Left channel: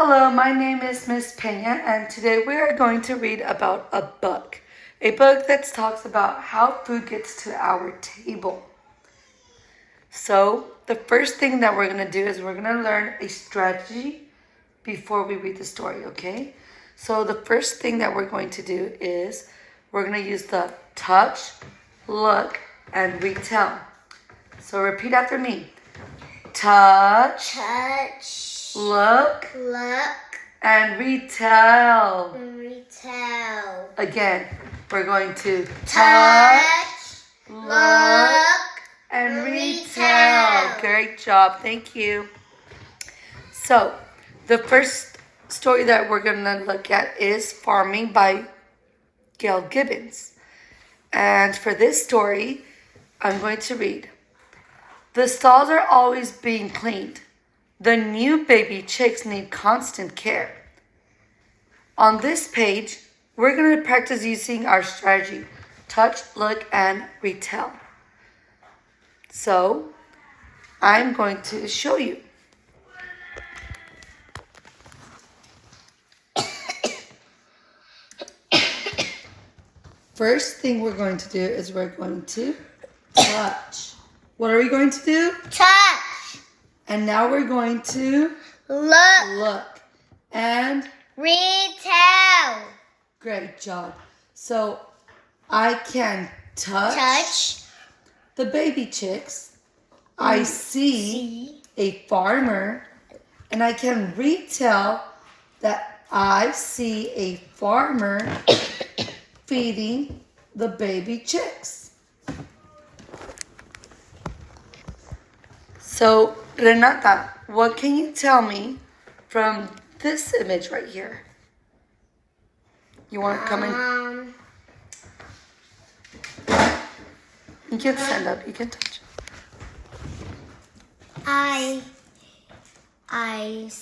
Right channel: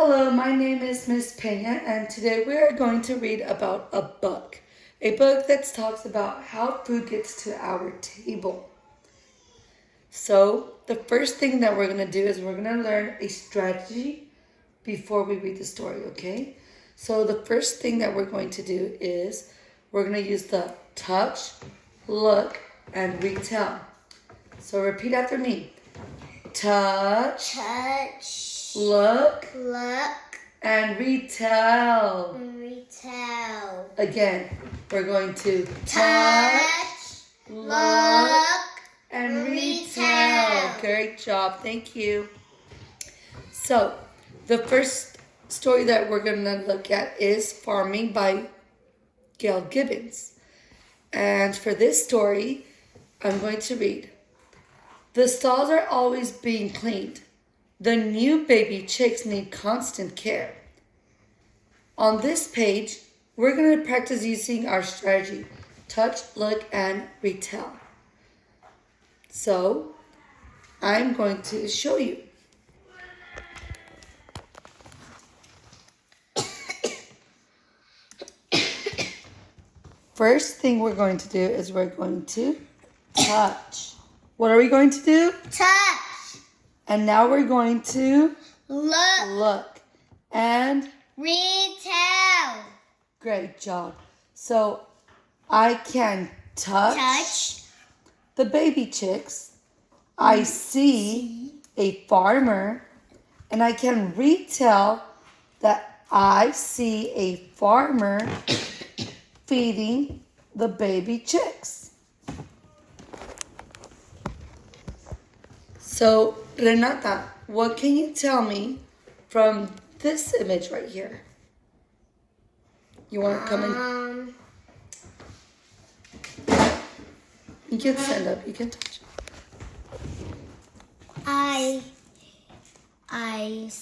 Hello, my name is Miss Pena, and today we are going to read about a book. A book that talks about how food gets to our table. So, the first thing that we're going to do is we're going to learn a strategy before we read the story, okay? So, the first thing that we're going to do is we're going to use the touch, look, and retell. So, repeat after me. Touch, look, and retell. Again, we're going to touch, look, and retell. Great job. Thank you. So, the first story that we're going to look at is Farming by Gail Gibbons. And for this story, I'm going to read. The stalls are always being cleaned. The new baby chicks need constant care. On this page, we're going to practice using our strategy, touch, look, and retell. So, I'm going to show you. First thing we're going to do is we're going to touch. What are we going to do? Touch. And now we're going to Look. And Retell. great job. So I can touch the baby chicks. I see a farmer, and I can retell that I see a farmer feeding the baby chicks. So, Renata, what can you tell me from this image right here? You want to come in? You can stand up. You can touch. I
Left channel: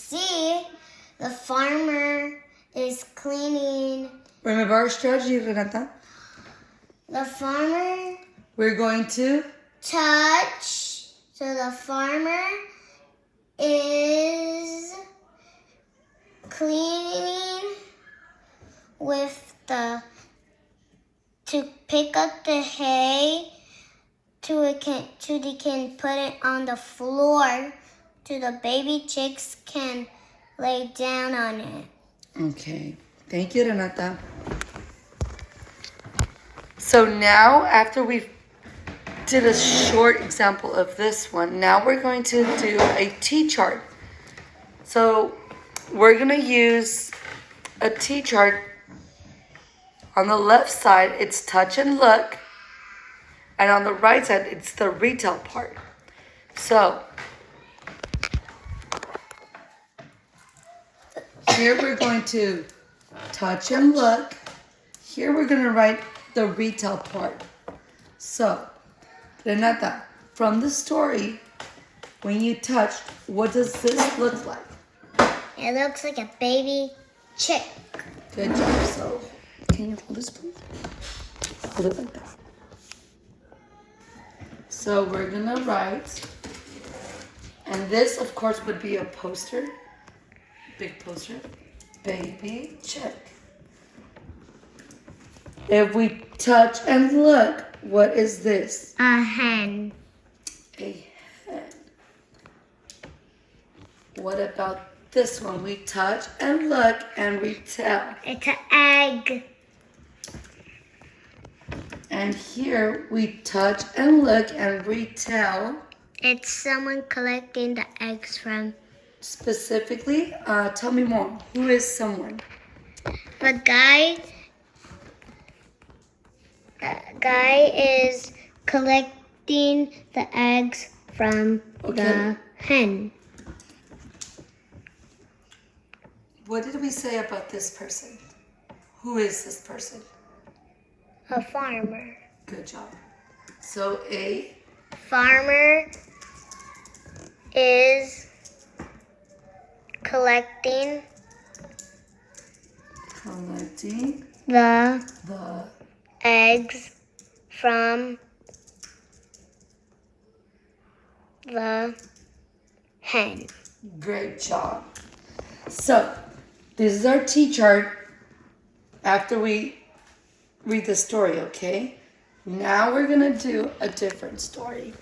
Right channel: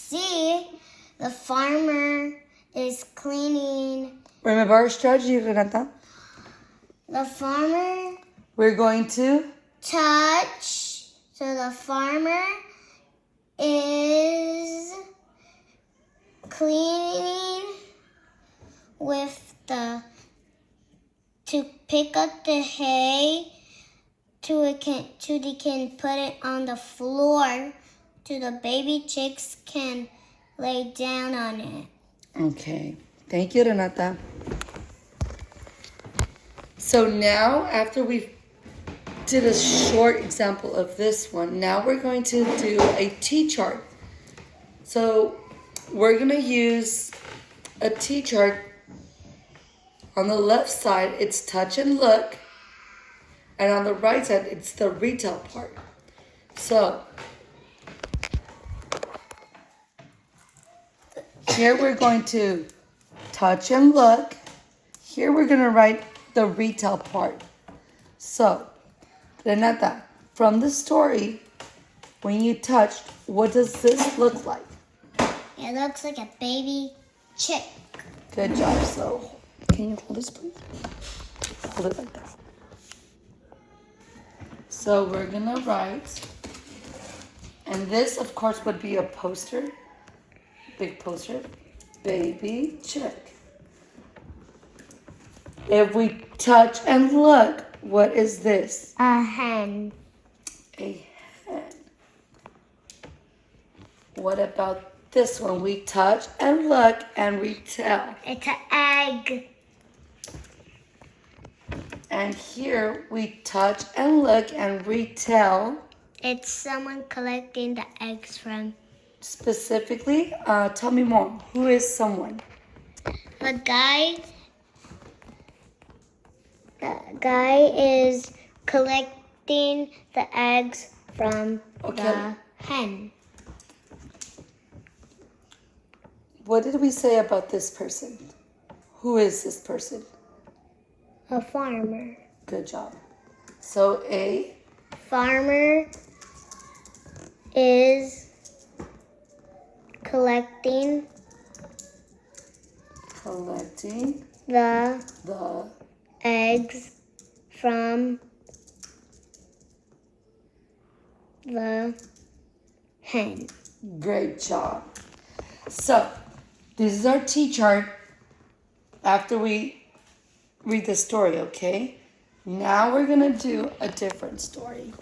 see the farmer is cleaning. Remember our strategy, Renata? The farmer We're going to touch. So the farmer is cleaning with to pick up the hay so they can put it on the floor so the baby chicks can lay down on it. Okay. Thank you, Renata. So now, after we've did a short example of this one, now we're going to do a T-chart. So we're going to use a T-chart. On the left side, it's touch and look. And on the right side, it's the retell part. So here we're going to touch and look. Here we're going to write the retell part. So, Renata, from the story, when you touched, what does this look like? It looks like a baby chick. Good job. So, can you hold this, please? Hold it like that. So, we're going to write, and this, of course, would be a poster, big poster, baby chick. If we touch and look, what is this? A hen. A hen. What about this one? We touch and look and we tell. It's an egg. And here we touch and look and retell. It's someone collecting the eggs from. Specifically, tell me more. Who is someone? The guy is collecting the eggs from the hen. What did we say about this person? Who is this person? A farmer. Good job. So a Farmer is collecting the eggs from the hen. Great job. So, this is our T chart after we read the story, okay? Now we're going to do a different story.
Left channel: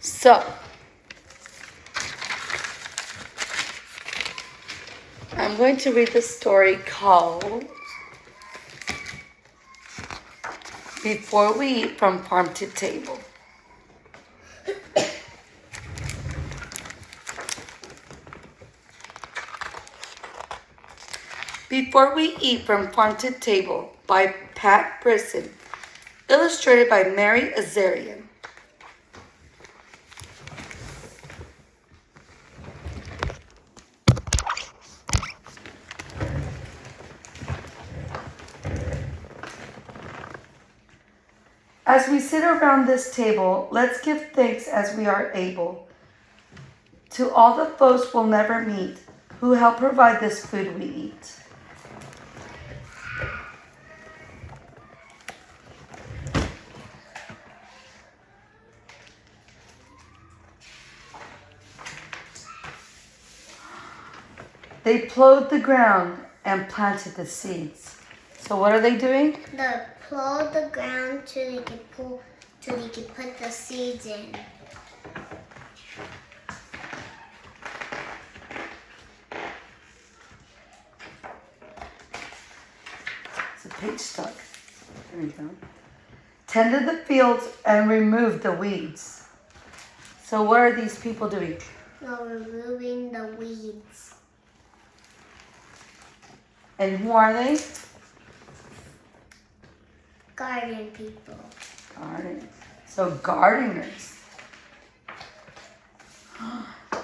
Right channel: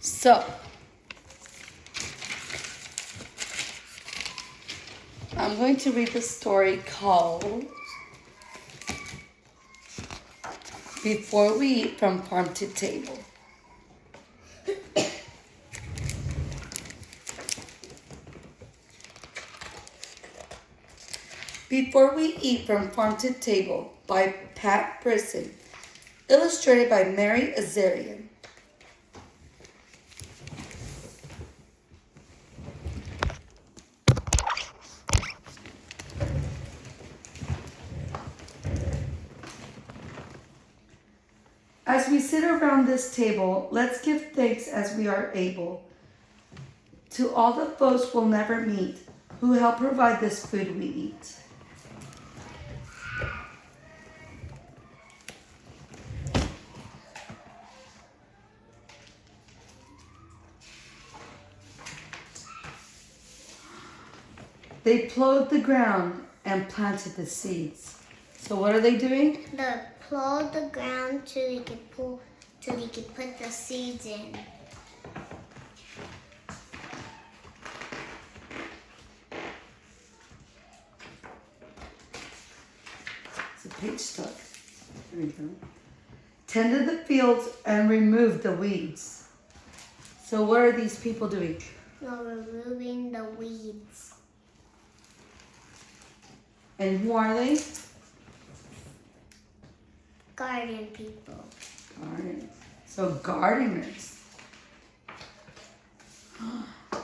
So, I'm going to read the story called Before We Eat from Farm to Table. Before We Eat from Farm to Table by Pat Brisson. Illustrated by Mary Azarian. As we sit around this table, let's give thanks as we are able to all the folks we'll never meet who help provide this food we eat. They plowed the ground and planted the seeds. So what are they doing? They plow the ground till they can put the seeds in. The page stuck. There we go. Tended the fields and removed the weeds. So what are these people doing? They're removing the weeds. And who are they? Garden people. Gardeners. So gardeners.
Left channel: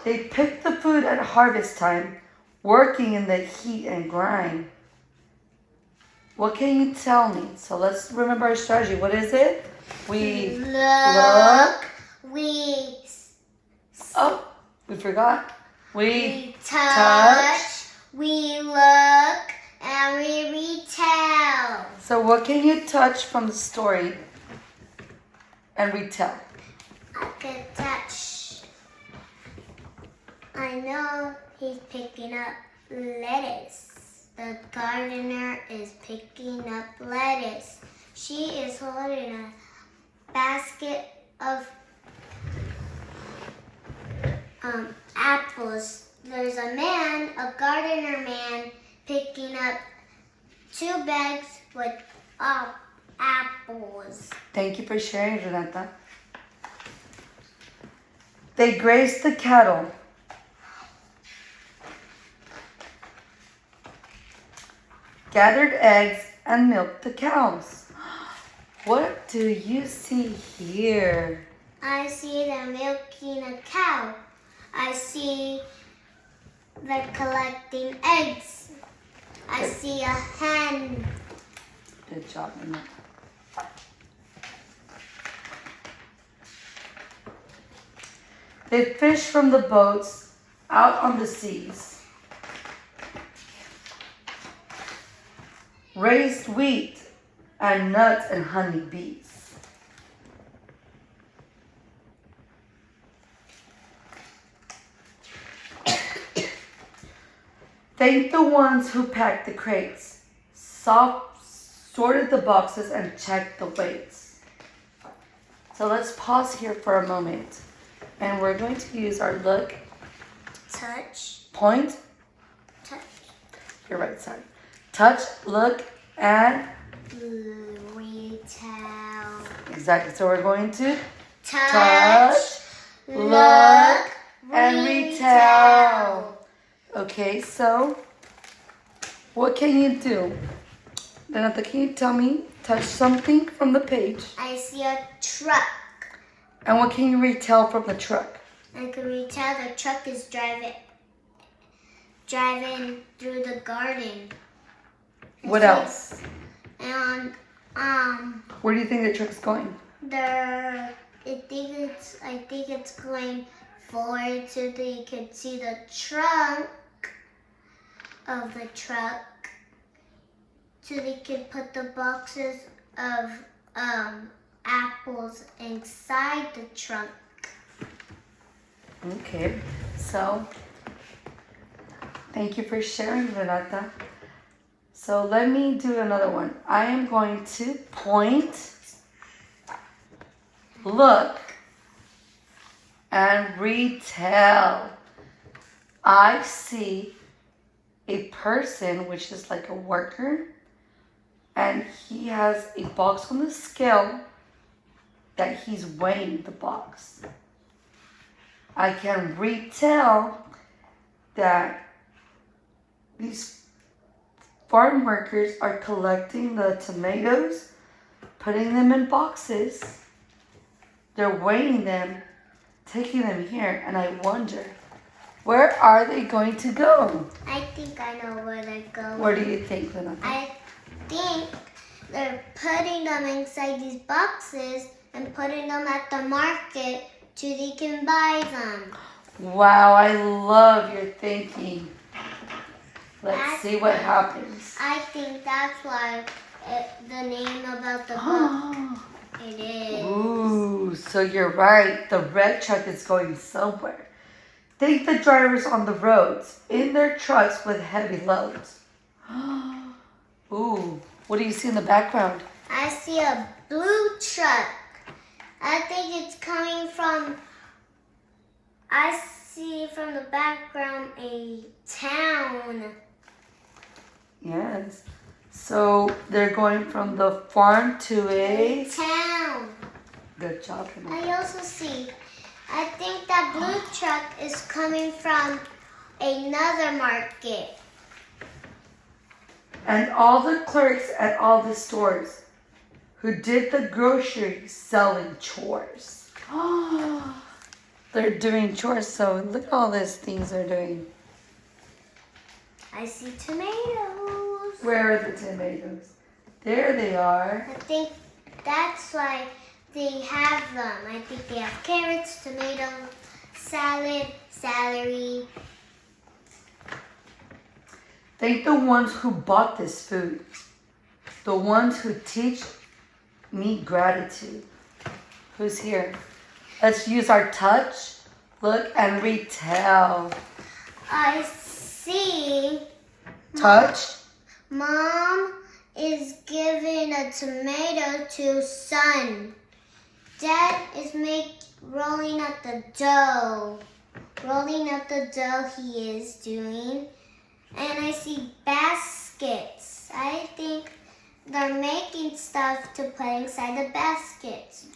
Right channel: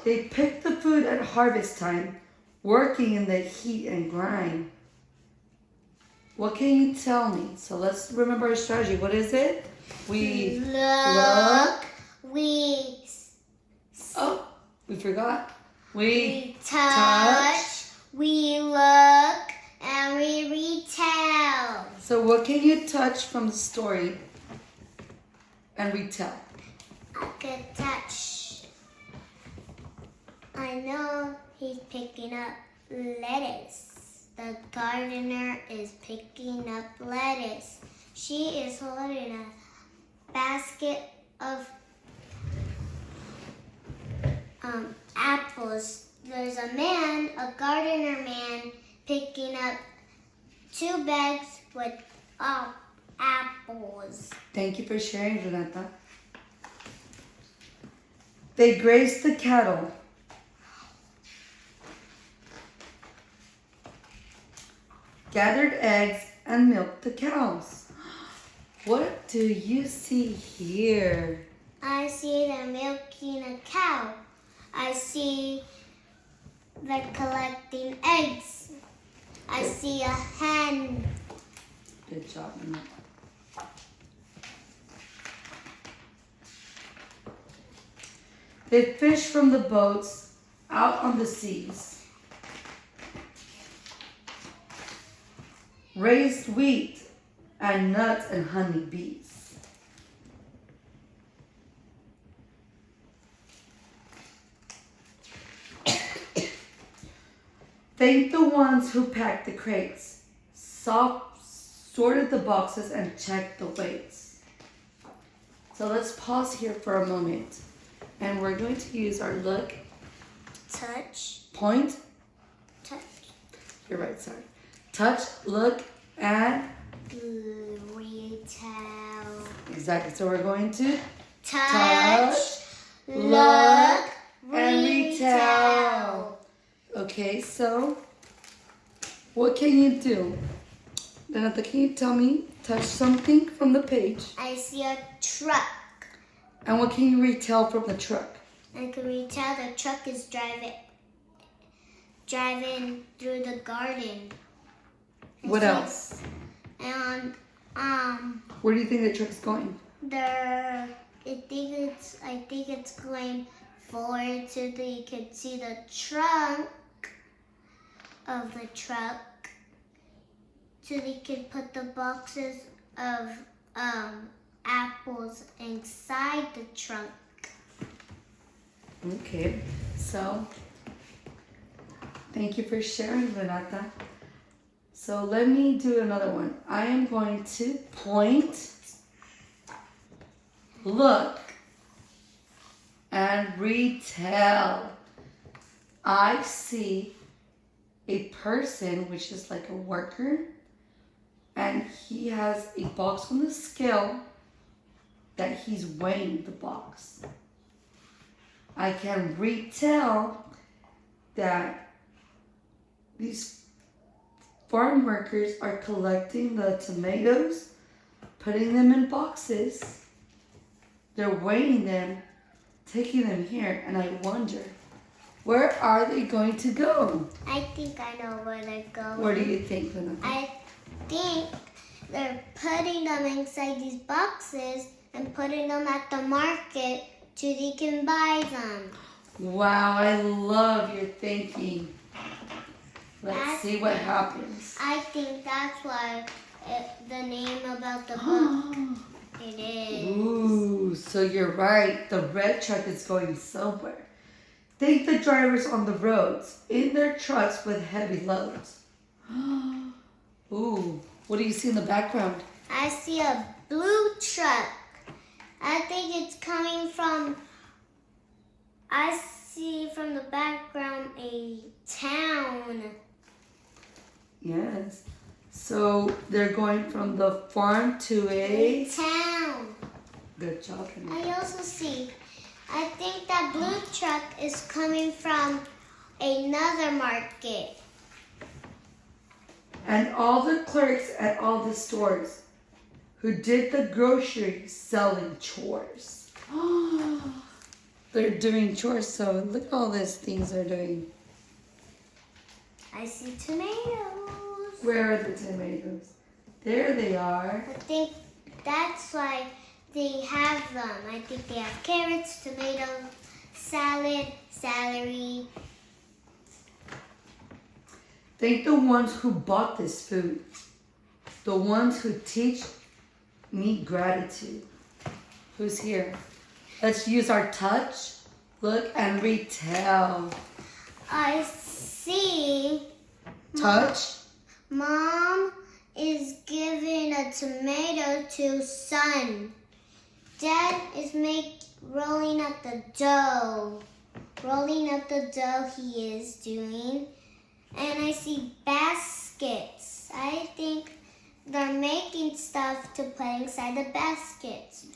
They picked the food at harvest time, working in the heat and grind. What can you tell me? So let's remember our strategy. What is it? We look. We Oh, we forgot. We touch. We look. And we retell. So what can you touch from the story and retell? I can touch. I know he's picking up lettuce. The gardener is picking up lettuce. She is holding a basket of apples. There's a man, a gardener man, picking up 2 bags with apples. Thank you for sharing, Renata. They grazed the cattle. Gathered eggs and milked the cows. What do you see here? I see them milking a cow. I see they're collecting eggs. I see a hen. Good job, Renata. They fished from the boats out on the seas. Raised wheat and nuts and honey bees. Thanked the ones who packed the crates, sorted the boxes, and checked the weights. So let's pause here for a moment. And we're going to use our look, Touch. point, Touch. you're right, sorry. Touch, look, and Retell. exactly. So we're going to Touch. look, and retell. Okay, so what can you do? Renata, can you tell me, touch something from the page? I see a truck. And what can you retell from the truck? I can retell the truck is driving through the garden. What else? And Where do you think the truck's going? I think it's going forward so that you can see the trunk of the truck, so they can put the boxes of apples inside the trunk. Okay, so Thank you for sharing, Renata. So let me do another one. I am going to point, look, and retell. I see a person, which is like a worker, and he has a box on the scale that he's weighing the box. I can retell that these farm workers are collecting the tomatoes, putting them in boxes. They're weighing them, taking them here, and I wonder, where are they going to go? I think I know where they're going. Where do you think, Lena? I think they're putting them inside these boxes and putting them at the market so they can buy them. Wow, I love your thinking. Let's see what happens. I think that's why the name about the book. It is. Ooh, so you're right. The red truck is going somewhere. Think the drivers on the roads in their trucks with heavy loads. Ooh, what do you see in the background? I see a blue truck. I think it's coming from, I see from the background a town. Yes. So they're going from the farm to a town. Good job. I also see, I think that blue truck is coming from another market. And all the clerks at all the stores who did the grocery selling chores. They're doing chores, so look at all these things they're doing. I see tomatoes. Where are the tomatoes? There they are. I think that's why they have them. I think they have carrots, tomatoes, salad, celery. Thank the ones who bought this food. The ones who teach me gratitude. Who's here? Let's use our touch, look, and retell. I see. Touch. Mom is giving a tomato to son. Dad is rolling up the dough. Rolling up the dough he is doing. And I see baskets. I think they're making stuff to put inside the baskets.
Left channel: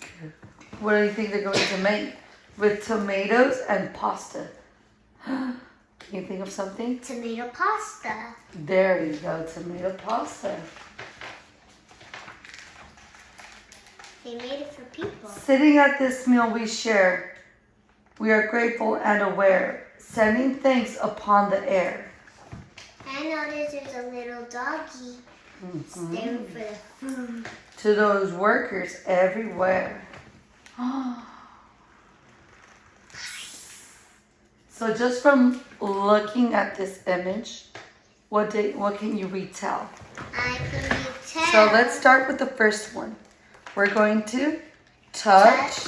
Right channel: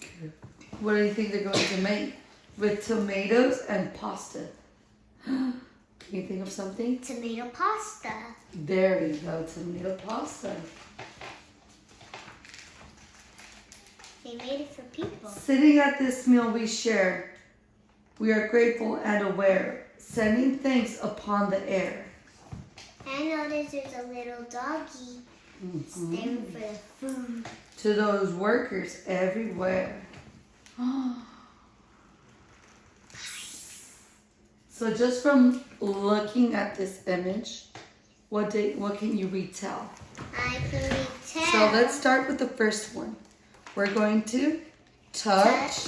What do you think they're going to make with tomatoes and pasta? Can you think of something? Tomato pasta. There you go, tomato pasta. They made it for people. Sitting at this meal we share, we are grateful and aware, sending thanks upon the air. I noticed there's a little doggy there for the food. To those workers everywhere. So just from looking at this image, what can you retell? I can retell. So let's start with the first one. We're going to touch.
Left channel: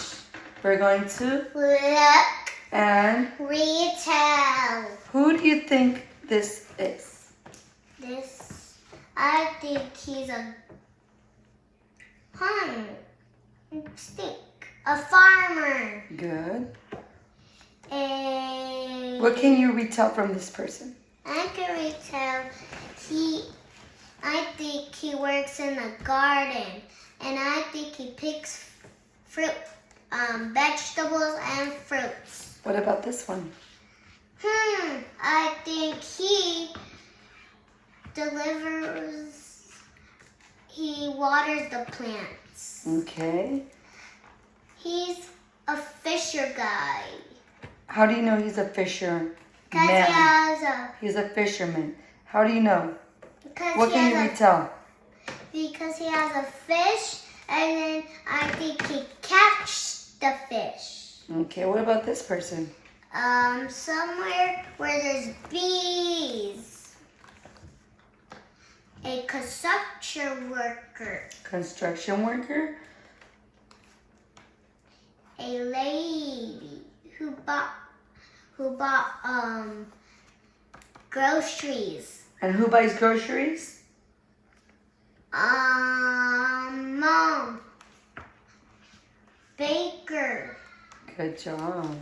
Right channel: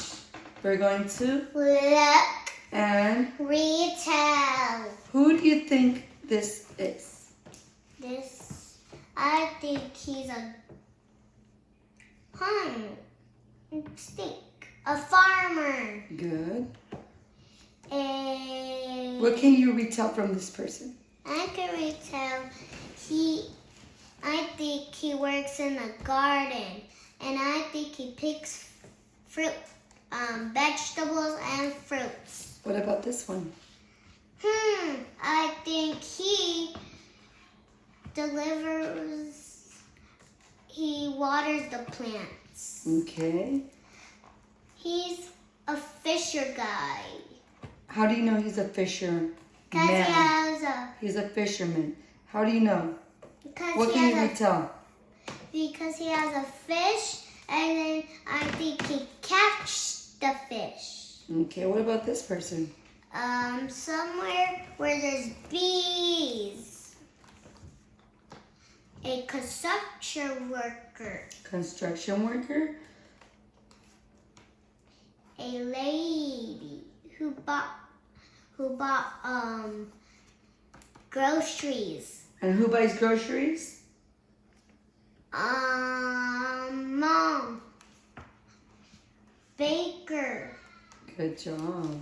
We're going to look and retell. Who do you think this is? This, I think he's a a farmer. Good. And What can you retell from this person? I can retell I think he works in the garden, and I think he picks fruit, vegetables and fruits. What about this one? I think he waters the plants. Okay. He's a fisher guy. How do you know he's a fisherman? He's a fisherman. How do you know? What can you retell? Because he has a fish, and then I think he catches the fish. Okay, what about this person? Somewhere where there's bees. A construction worker. Construction worker? A lady who bought groceries. And who buys groceries? Mom. Baker. Good job.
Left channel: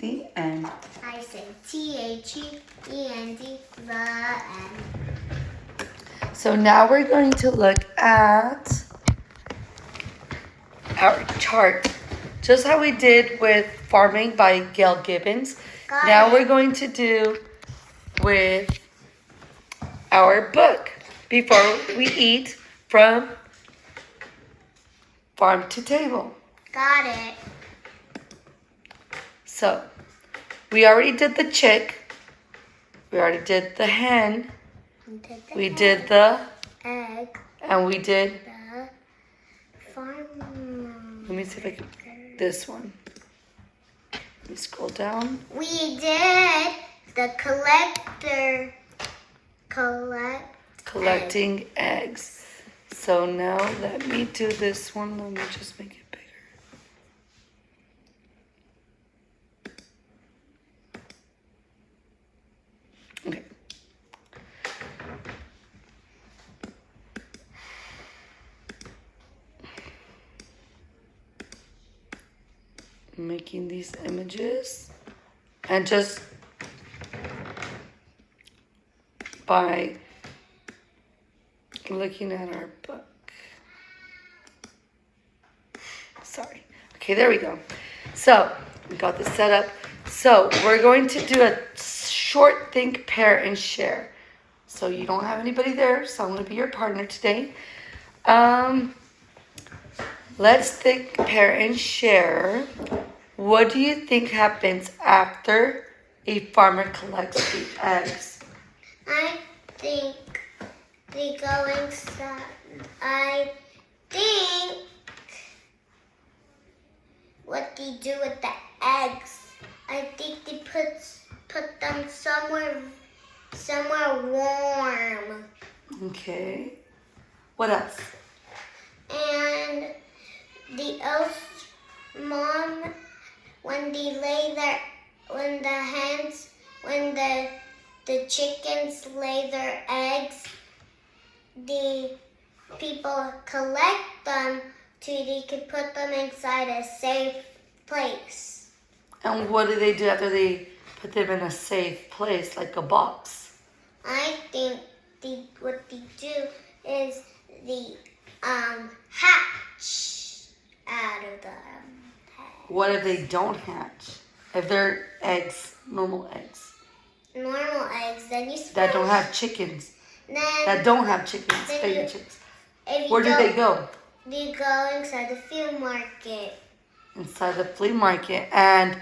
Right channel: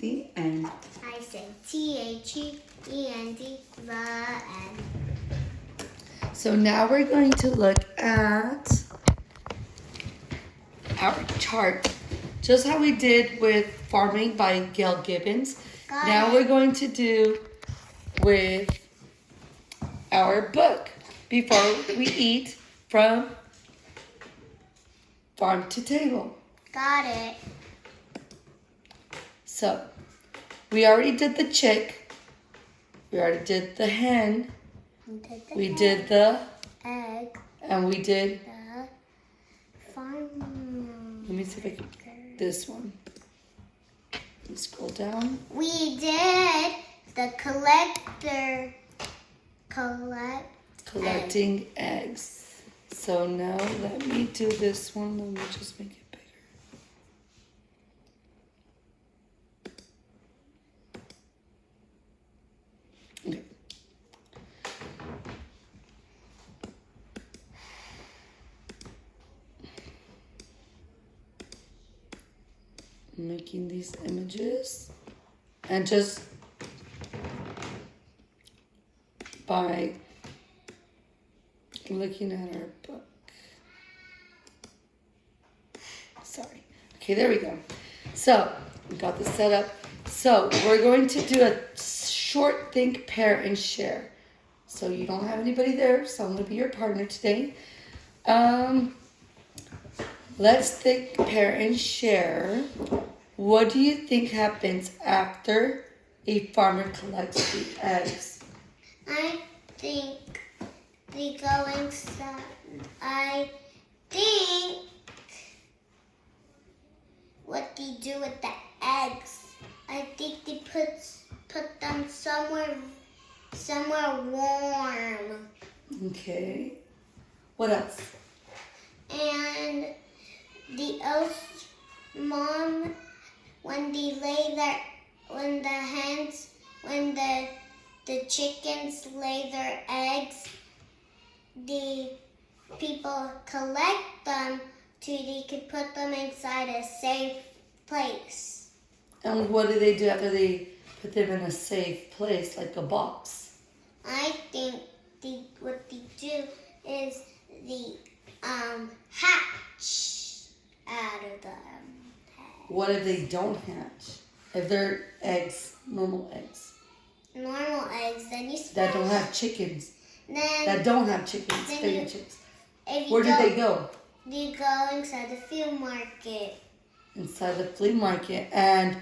The end. I say THEEND, the end. So now we're going to look at our chart. Just how we did with Farming by Gail Gibbons. Now we're going to do with our book Before We Eat from Farm to Table. Got it. So we already did the chick. We already did the hen. We did the egg. and we did, The farm. let me see if I can, this one. Let me scroll down. We did the collector. Collecting eggs. So now let me do this one. Let me just make it bigger. Okay. Making these images and just by looking at our book. Sorry. Okay, there we go. So we got this set up. So we're going to do a short think, pair, and share. So you don't have anybody there, so I'm going to be your partner today. Let's think, pair, and share. What do you think happens after a farmer collects the eggs? I think they go inside. I think what they do with the eggs. I think they put them somewhere warm. Okay. What else? And the elf mom, when the chickens lay their eggs, the people collect them so they can put them inside a safe place. And what do they do after they put them in a safe place, like a box? I think what they do is the hatch out of them. What if they don't hatch? If they're eggs, normal eggs, Normal eggs, then you that don't have chickens, Then that don't have chickens, then baby you- chickens. if Where you do they go? You go inside the field market. Inside the flea market. And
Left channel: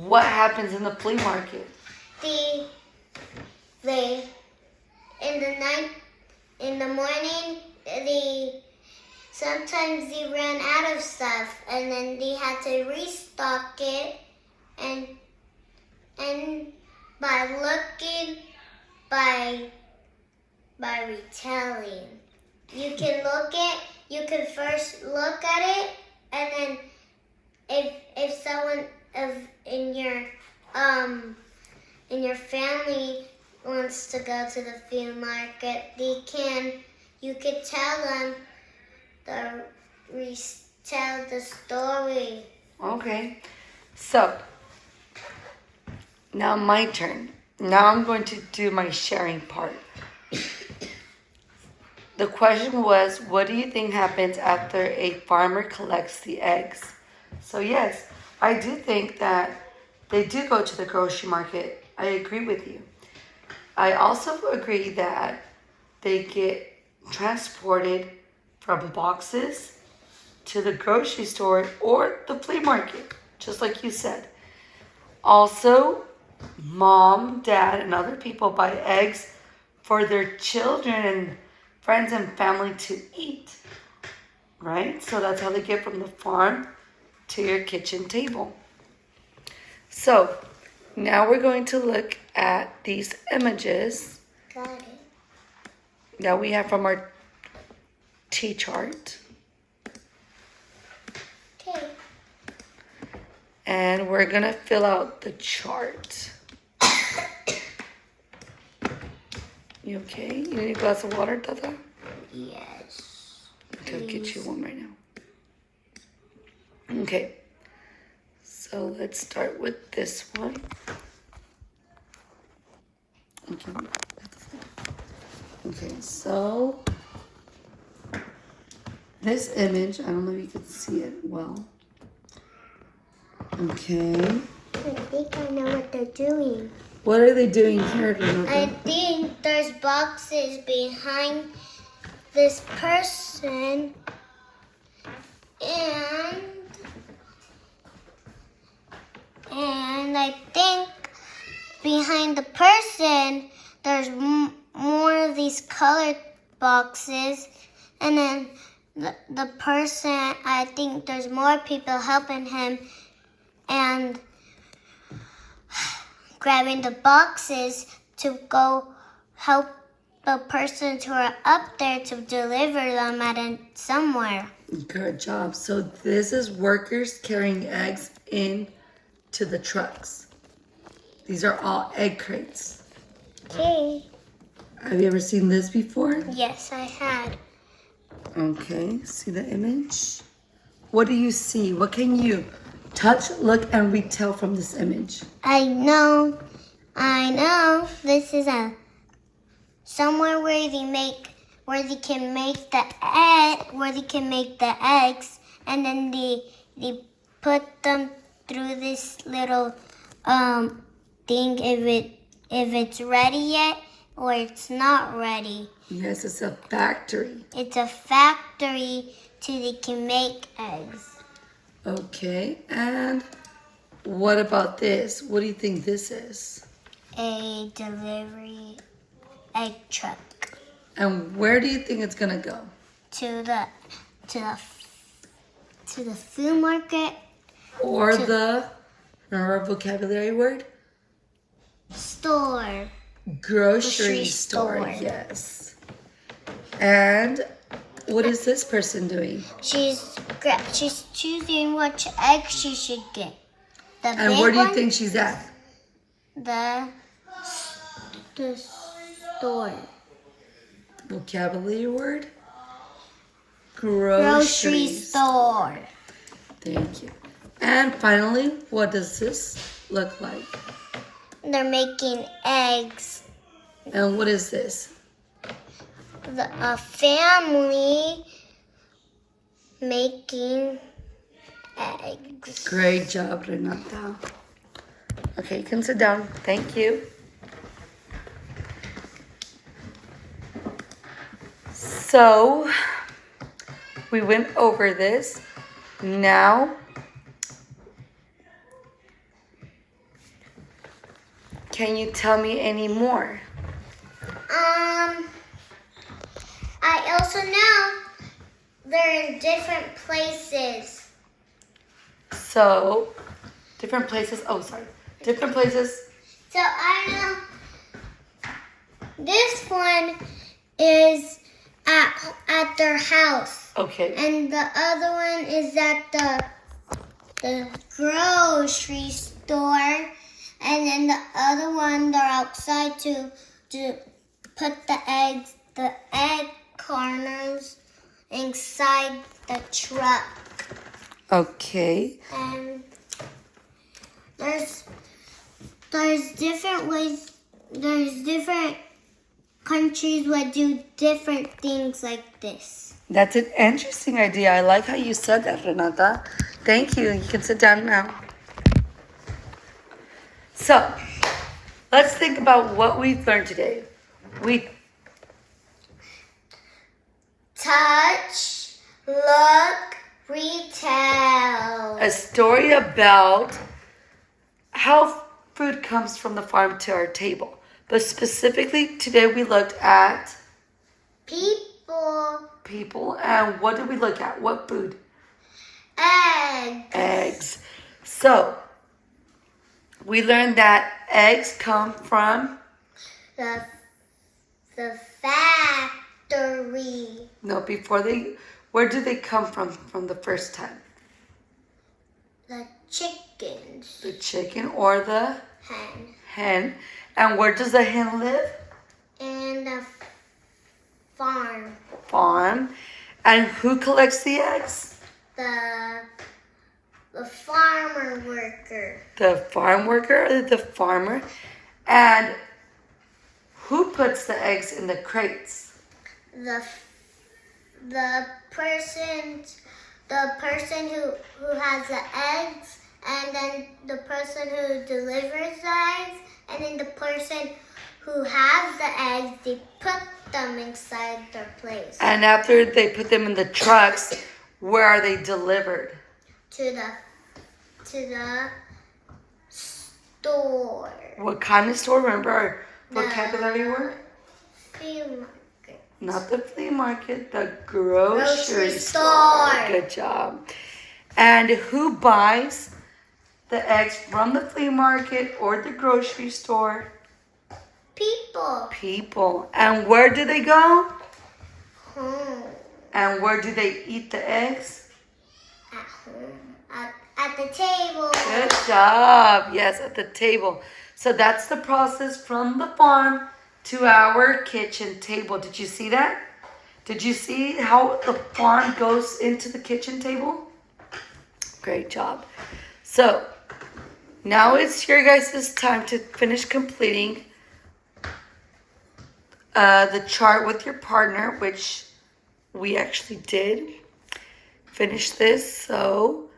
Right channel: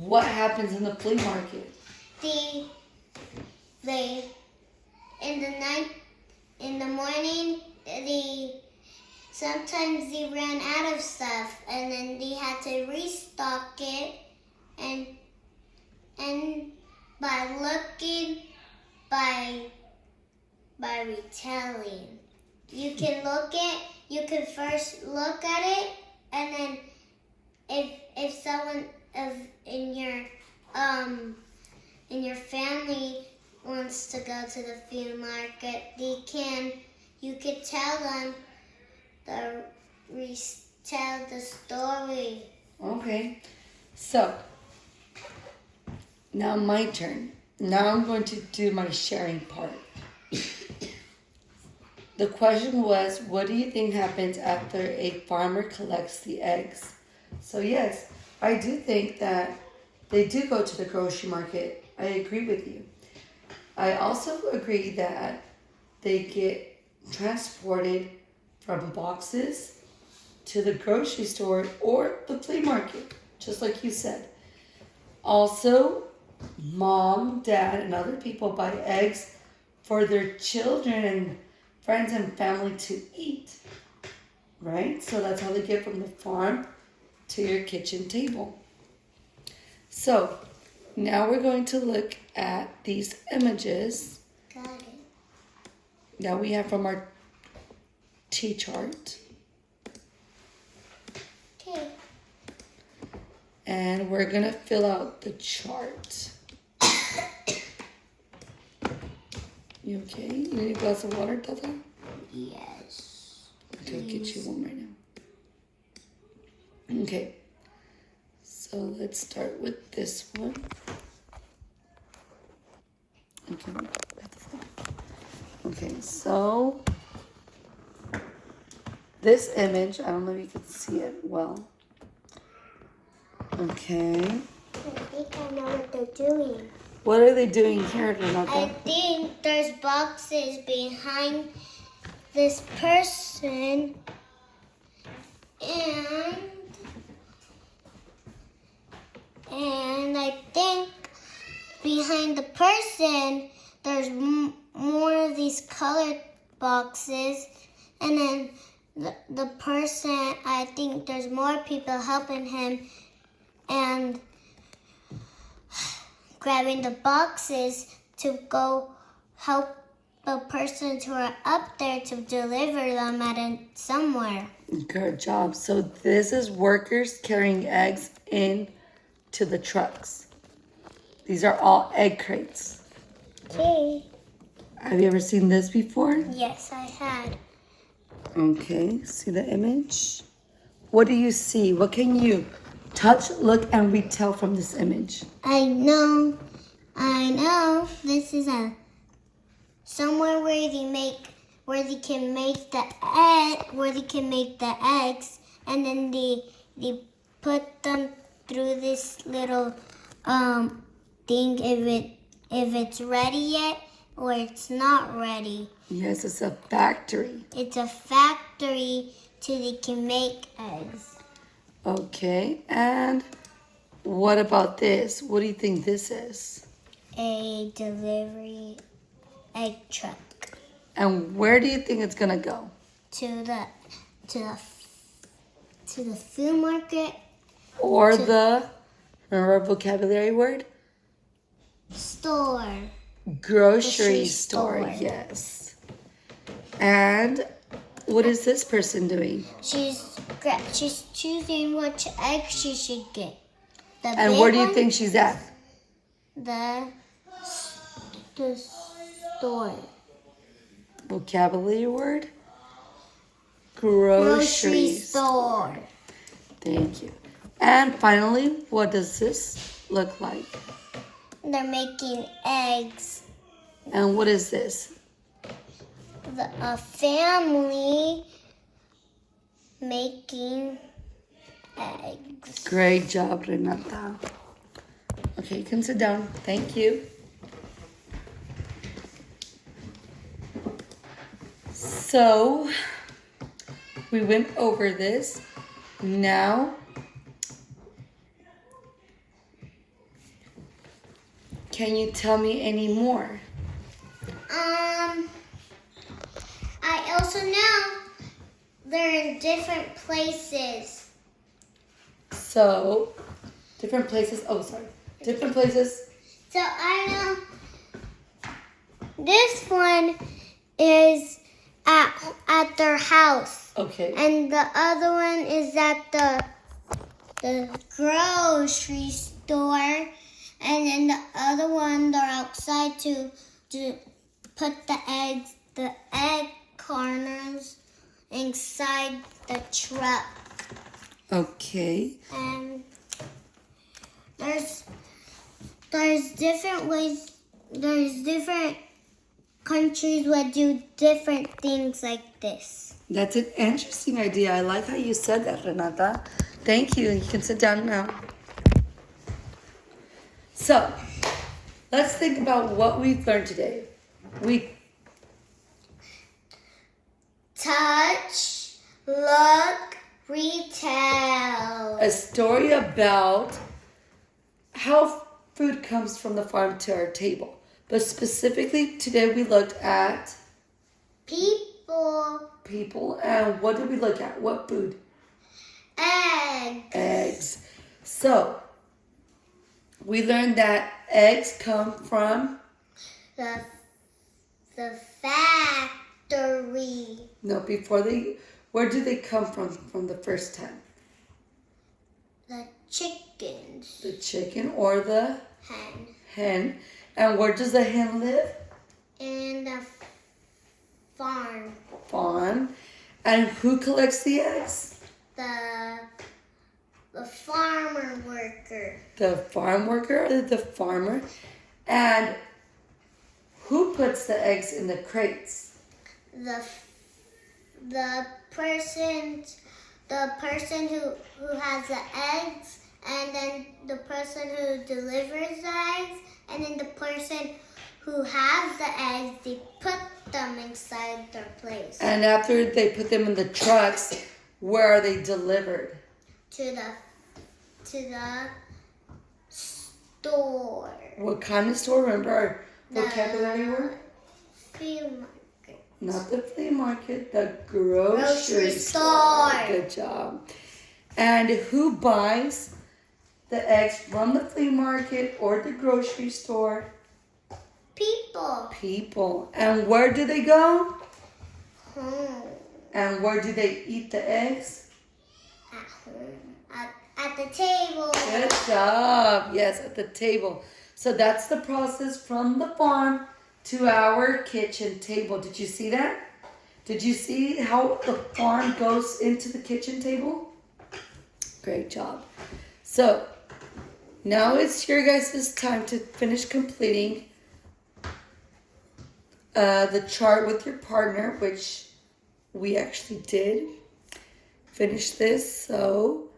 what happens in the flea market? They in the morning, sometimes they run out of stuff, and then they have to restock it, and by looking, by retelling, you can first look at it, and then if someone in your family wants to go to the flea market, you could tell them tell the story. Okay. So, now my turn. Now I'm going to do my sharing part. The question was, what do you think happens after a farmer collects the eggs? So yes, I do think that they do go to the grocery market. I agree with you. I also agree that they get transported from boxes to the grocery store or the flea market, just like you said. Also, mom, dad, and other people buy eggs for their children and friends and family to eat, right? So that's how they get from the farm to your kitchen table. So now we're going to look at these images Got it. that we have from our T-chart. Okay. And we're going to fill out the chart. You okay? You need a glass of water, Tata? Yes. Okay, I'll get you one right now. Okay. So let's start with this one. Okay, so this image, I don't know if you can see it well. Okay. I think I know what they're doing. What are they doing here, Renata? I think there's boxes behind this person, and I think behind the person there's more of these colored boxes, and then the person, I think there's more people helping him and grabbing the boxes to go help the persons who are up there to deliver them somewhere. Good job. So this is workers carrying eggs in to the trucks. These are all egg crates. Okay. Have you ever seen this before? Yes, I had. Okay, see the image? What do you see? What can you touch, look, and retell from this image? I know. This is somewhere where they can make the eggs, and then they put them through this little thing if it's ready yet or it's not ready. Yes, it's a factory. It's a factory till they can make eggs. Okay, and what about this? What do you think this is? A delivery egg truck And where do you think it's gonna go? to the food market Or the, remember our vocabulary word? store. Grocery store, yes. And what is this person doing? She's choosing which egg she should get. The And big where do you one, think she's at? the store. Vocabulary word? Grocery Groceries. store. Thank you. And finally, what does this look like? They're making eggs. And what is this? A family making eggs. Great job, Renata. Okay, you can sit down. Thank you. So, we went over this. Now, can you tell me any more? I also know they're in different places. So, different places. Oh, sorry. Different places. So I know this one is at their house, Okay. and the other one is at the grocery store, and then the other one they're outside to put the egg corners inside the truck. Okay. And there's different ways. There's different countries that do different things like this. That's an interesting idea. I like how you said that, Renata. Thank you. You can sit down now. So, let's think about what we've learned today. We Touch, look, retell. a story about how food comes from the farm to our table. But specifically today we looked at people, and what did we look at? What food? Eggs. So, we learned that eggs come from The factory. no, before they, where did they come from the first time? the chickens. The chicken or the Hen. hen. And where does the hen live? In the farm. Farm. And who collects the eggs? The farmer worker. The farm worker or the farmer? And who puts the eggs in the crates? The person who has the eggs, and then the person who delivers the eggs, and then the person who has the eggs, they put them inside their place. And after they put them in the trucks, where are they delivered? To the store. What kind of store? Remember our vocabulary word? Flea market. Not the flea market, the grocery store. store. Good job. And who buys the eggs from the flea market or the grocery store? People. People. And where do they go? Home. And where do they eat the eggs? At home. At the table. Good job. Yes, at the table. So that's the process from the farm to our kitchen table. Did you see that? Did you see how the farm goes into the kitchen table? Great job. So now it's your guys' time to finish completing the chart with your partner, which we actually did finish this. So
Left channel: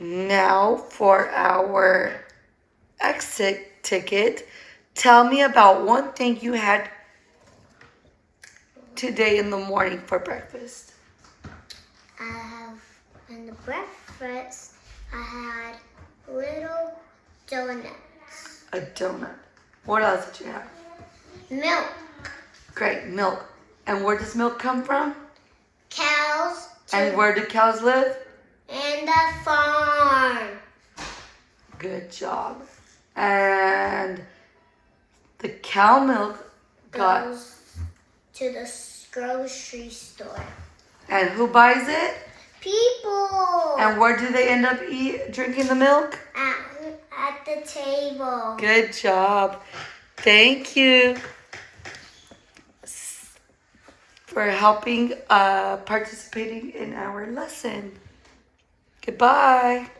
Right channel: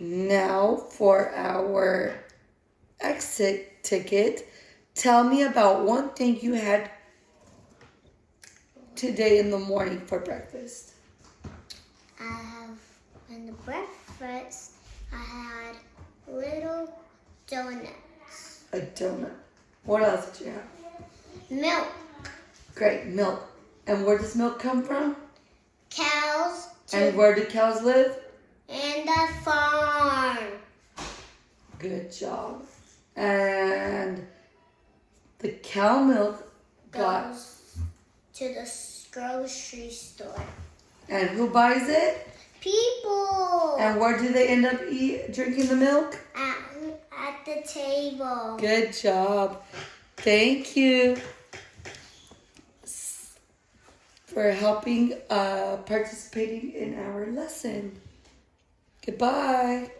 now for our exit ticket, tell me about one thing you had today in the morning for breakfast. In the breakfast, I had little donuts. A donut. What else did you have? Milk. Great, milk. And where does milk come from? Cows. And where do cows live? In the farm. Good job. And the cow milk Goes to the grocery store. and who buys it? People. And where do they end up drinking the milk? At the table. Good job. Thank you for helping participating in our lesson. Goodbye.